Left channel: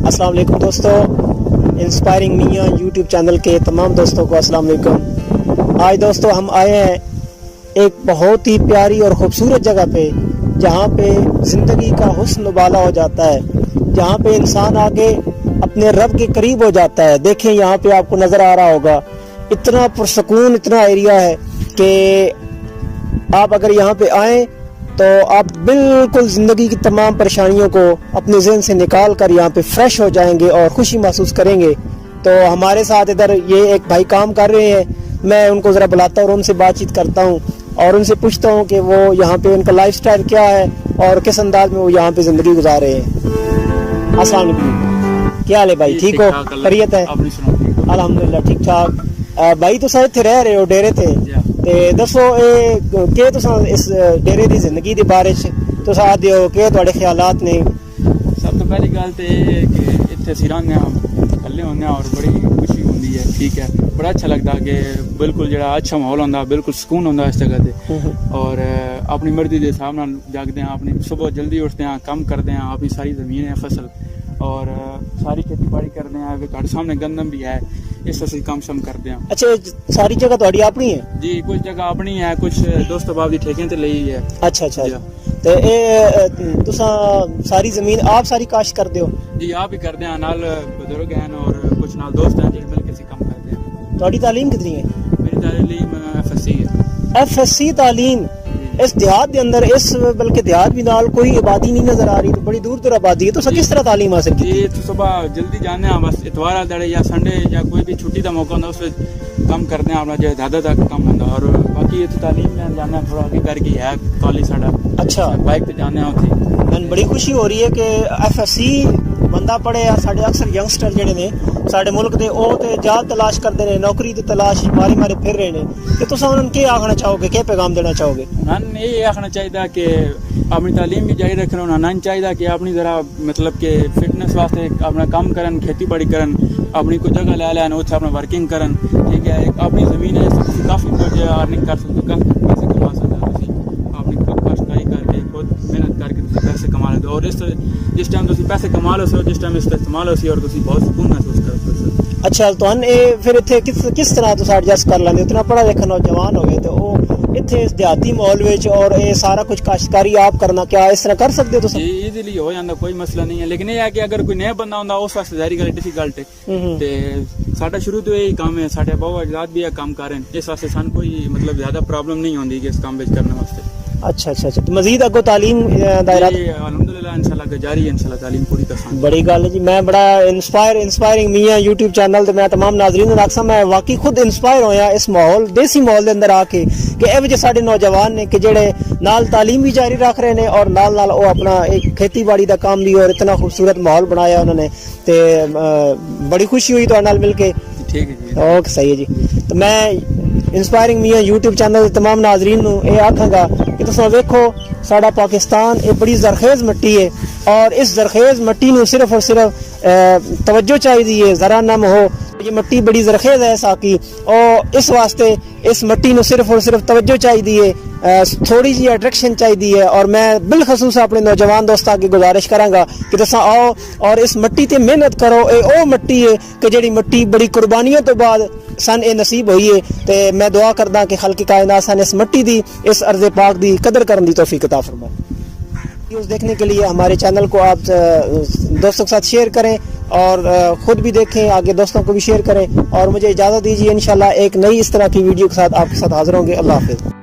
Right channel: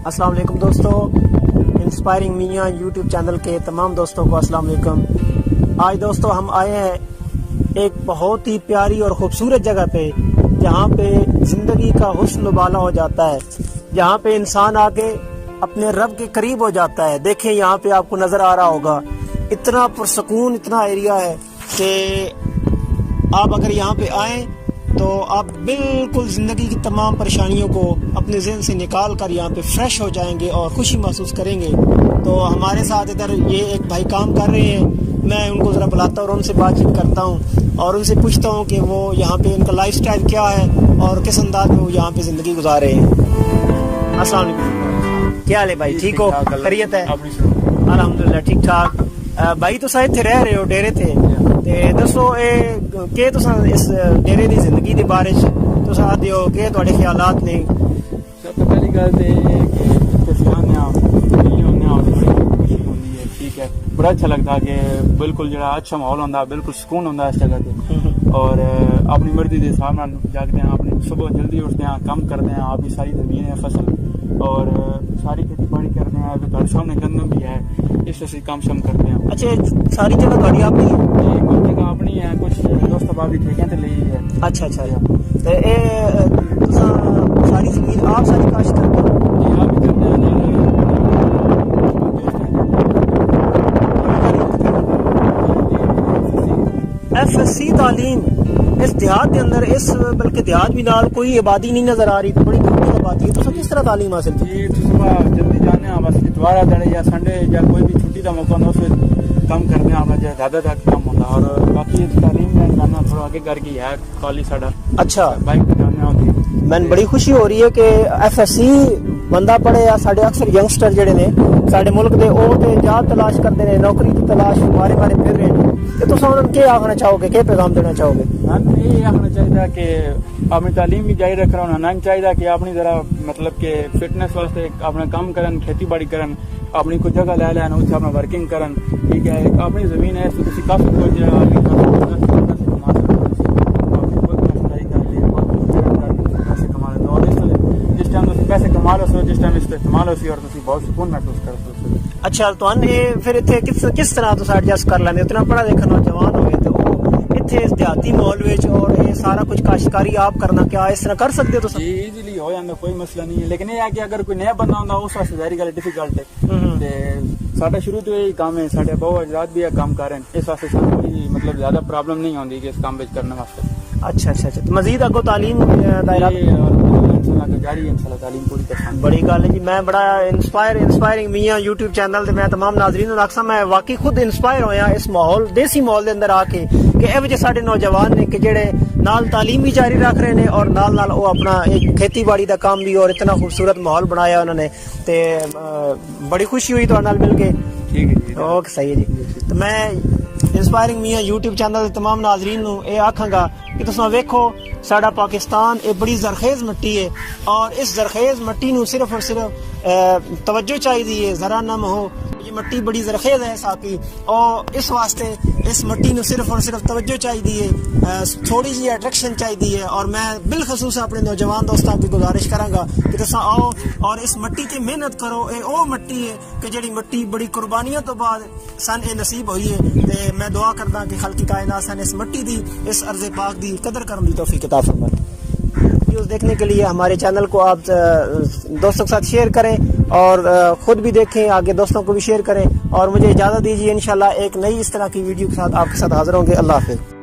السلام علیکم دوستو، انسپائرنگ میاں یوٹیوب چینل کے تمام دوستوں کو السلام علیکم۔ آج دوستو ہم آئے ہیں ایک بہت ہی پیاری اور خوبصورت جگہ پہ، جہاں پہ زندگی کا حسن و بالا ہو جاتا ہے، جہاں پہ انسان آگے اپنے رب کے قریب ہو جاتا ہے۔ دیکھیں یہاں پہ آپ کو نظر آ رہا ہوگا، اتنا پرسکون اتنا ایریا ہے کہ آپ اگر یہاں پہ آئیں تو آپ بالکل زندگی کی تمام پریشانیوں کو اپنے ذہن سے نکال کر یہاں پہ فریش ہو جائیں گے اور خوشی محسوس کریں گے۔ تو ہمارے ساتھ ادھر یہ ایک بھائی کام کر رہے ہیں، میں ان کو ذرا بلاتا ہوں اور ان سے بات چیت کرتا ہوں اور ان سے پوچھتا ہوں کہ وہ یہاں پہ ان کا لائف سٹائل کیا ہے اور کس انداز میں وہ یہاں پہ زندگی گزار رہے ہیں۔ السلام علیکم، کیا حال ہے بھائی؟ ٹھیک ہو؟ خیریت ہے؟ الحمدللہ ٹھیک ٹھاک۔ بھائی تو شاید تھے رہ رہے ہو ڈیرے تھے تے دسو کہ تساں اس ڈیرے دی زندگی دے بارے تو ساتھ دیو کہ تواڈے خیالات نے؟ سب تو پہلی گل تے کہ اتنے اسی رہنے ملنے ہونے اور بڑی خوشی ہوندی ہے، ٹھیک ہے، بڑا اچھا لگتا کہ بالکل جڑا اچھا ماحول ہوندا، بالکل سکون ہوندا اس جگہ تے، اور اپنی مرضی دے حساب نال جاگدے ہیں، اپنی صبح جلدی اٹھتے ہیں، کام کرتے ہیں، اپنی ساری زمین ہے فصل اور ساری کھیتی باڑی کرتے ہیں، اگر تہاڈے سامنے گندم بھی ہے اس سے کام شم کرتے ہیں۔ اچھا ساری جگہ تہاڈی اپنی ہے؟ جی کچھ جگہ اپنی ہے، کچھ دوست احباب دی ٹھیکیں تے لئی ہے۔ اچھا اچھا تے اے تساں ساری زمین آپ ساری کاشت کرتے ہو؟ جی آپ بھی کرتے ہیں، نال بزرگ ہیں اور کچھ نال دوست ہیں جس طریقے سے کرتے ہیں۔ تہاڈی تعلیم کتنی ہے؟ تعلیم ایف ایس سی تعلیم اس دیہات کے اندر، اس بلکہ دیہات بھی نال کوئی آبادی نہیں نظر آ رہی، بڑی دور دور آبادی ہے، تو کس طرح تعلیم حاصل کی؟ جی صبح جلدی جانے ہیں، بس اتوار دڑے یا سنڈے یا کوئی بھی چھٹی کا موقع ہوتا ہے اس وقت کام کرتے ہیں اپنا، جو زیادہ تک کام ہوتا ہے، اور باقی تعلیم میں جانا تھوڑا آگے کر کے ہے کالج ساڈا۔ اچھا بائک پہ جانے ہوتی میں بڑی خوشی ہو رہی ہے کہ ایف ایس سی بندہ پڑھے، یا ساڈے اکثر ینگسٹر جڑے نے ساڈے ملک دے او تے جاب تلاش کرتے ہیں، نوکری دی تلاش مارے مارے پھر رہے ہیں، کہ تساں انہاں نوں کیا آکھنا چاہو گے، کیا پیغام دینا چاہو گے؟ ہم یہ آخنا چاہیے کہ اپنی تعلیم بھی جاری رکھنا، انہوں نے چاہیے کہ اپنی ذرا مطلب کہ فٹنس واسطے اپنا کام کرن، کھیتی باڑی کرن، اپنی کوئی جگہ لے لین اتنے اپنا ورکنگ کرن، ٹھیک ہے، ایک اپنی زمین ہے اس سے کافی کچھ ارننگ کر سکتے، کافی پیسے کما سکتے، اپنی خود کاشتکاری کر کے خود محنت کر کے پیسے کما لیتے، اور جس ٹائم تھی پیسے کما لو سو، جس ٹائم اس کا استعمال ہو سی اور تھی بہت سکون محسوس کرتے ہو۔ اچھا تو پھر اتنے کس طرح تو ایڈجسٹ کر لیندے؟ اتنا پڑھا لکھا نوجوان ہوئے تو وہ اتنے اس دیہاتی ماحول وچ اور یہ سارا کچھ کاشتکاری آپ کرنا، کیا اس طرح کر سکتے ہو؟ جی ایزیلی ہو جاتا، کوئی مسئلہ نہیں ہے، لیکن یہ ہے کہ اگر کوئی نیا بندہ ہوتا اس واسطے ظاہری گل ڈیفیکلٹ ہے۔ ساڈا شروع تو یہی کام ہے، ساڈے بہو اجداد بھی یہ کام کر رہے ہیں، اس واسطے سانو کوئی مطلب زیادہ پرابلم نہیں ہوتی کہ اس کام کرنے واسطے۔ اچھا اچھا اچھا، مزید اگو تعلیم دائرہ الحمدللہ انشاءاللہ جاری ہے، انشاءاللہ تعلیم پوری کرساں۔ بڑی گل ہے جی، میں بڑا انسپائرنگ میاں یوٹیوب چینل تے میں تمام ناظرین نوں آکھساں میں واقعی خود انسپائر ہویا اس ماحول دیسی ماحول دے اندر آ کے، کہ اے وجہ ساڈے نوجوان نے کہ جڑے نال تعلیم بھی جاری رکھ رہے نے اور نال نال او اپنا ایک کھیتی باڑی دا کام بھی، اور اتنا خوبصورت ماحول بنایا انہوں نے، تے بڑی خوشی ہوئی تہاڈے نال مل کے۔ ٹھیک ہے جی، اوکے صحیح ہے جی۔ تو میں انسپائرنگ میاں یوٹیوب چینل دے تمام ناظرین نوں اے آکھاں گا کہ تساں ویکھو ساڈا پاکستان ایک بڑی زرخیز مٹی ہے، اور اس زرخیز مٹی نوں صرف اور صرف توجہ چاہیے، ذرا نم ہو، یہ مٹی بڑی زرخیز ہے ساکی، اور اس واسطے اس مٹی نوں صرف اور صرف توجہ چاہیے، تھوڑی جی اٹریکشن چاہیے، اور میں بالخصوص اپنے نوجوان دوستاں کی گزارش کراں گا کہ تساں آؤ اور اس مٹی تے محنت کرو۔ اے او مٹی ہے کہ جڑی مٹی بڑی قربانیوں تو بعد سن اے نصیب ہوئی ہے، تے میں دعا کردا کہ خالق کائنات سن اس مٹی دی، اس ارض پاک دی قدر کرن دی توفیق عطا فرمائے۔ ویڈیوز دیکھنے کے لیے ہمارے چینل کو آپ دوستوں کے ساتھ شیئر کریں، اور خود بھی دیکھیں، آگے دوستوں کو بھی شیئر کریں، اور مجھے اجازت دیجیے، انشاءاللہ ایک نئی اس طرح کی ویڈیو کے ساتھ آپ کے ساتھ حاضر ہوں گے۔ اللہ حافظ۔